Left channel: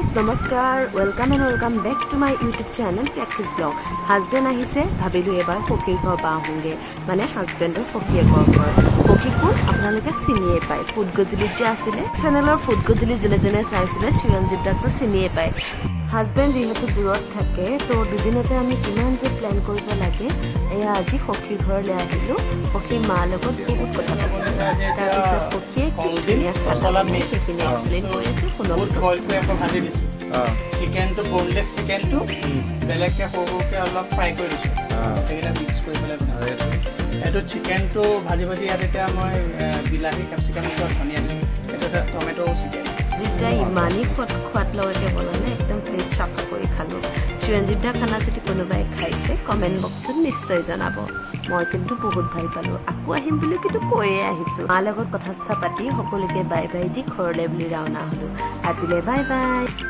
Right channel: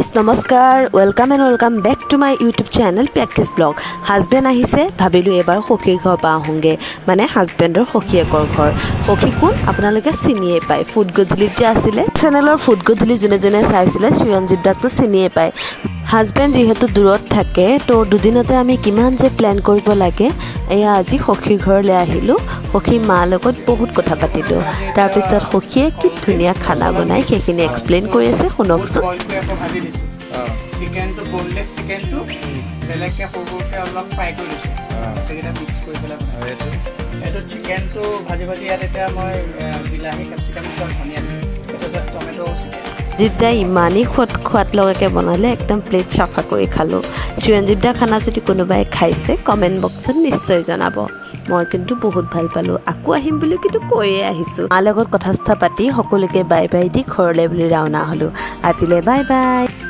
Guys নমস্কাৰ welcome back to my YouTube channel practice vlog husband আহিছে ভাবিলোঁ এবাৰ সখীৰ ঘৰ পৰা আহোঁগৈ মানে হাজবেণ্ডৰ সখীয়েকৰ ঘৰ সখী কোন আপোনালোকে চিনিয়ে পায় ফুড গধূলিত যে আছিলে চেনেলৰ ফুড গধূলি যোনে যোনে চাইছিলে চিৰঞ্জিত দাকটো চিনিয়ে পায় হাজবেণ্ড যিহেতু দূৰত থাকে তো দুদিনতে আমি কিমান যে প্লেন কৰিব লাগে এয়া আজি সখীৰ ঘৰলৈ আহিলোঁ সখীৰ মাৰ লগত বহুত কথা পাতিলোঁ তাৰপিছত সখীয়ে কি ধুনীয়া খানা বনাই সেইখিনি এক্সপ্লেইন কৰি আছে শুনকচোন চিকেন তো বোনলেস চিকেন তো বেলেগকে সৰুকে অলপ ফ্ৰাই কৰি দিছো এটা মিক্স কৰি পেলাই এইটো চিকেন তো ভাজি ভাজি ইয়াত এতিয়া মই বিলাহী ক্যাপসিকাম আৰু ধনিয়া দিছো এটা টমেটো চিকেন জিদ্দা ইমানেই খোৱাত লগাকে বনালে একদম প্লেট চাফা কৰি খালোঁ চিৰঞ্জিত দা খানা যদি কোনোবাই খাইছে কমেণ্ট বক্সত নিশ্চয় জনাব মই কিন্তু বহুত ভাল পালোঁ আকৌ আহিম বুলি কিন্তু কৈয়ে আহিছোঁ মাৰ লগত কথা পাতি সকলোকে বাই বাই দি ঘৰলৈ বুলি ৰাওনা হ'লোঁ আজিলৈ বাই বাই।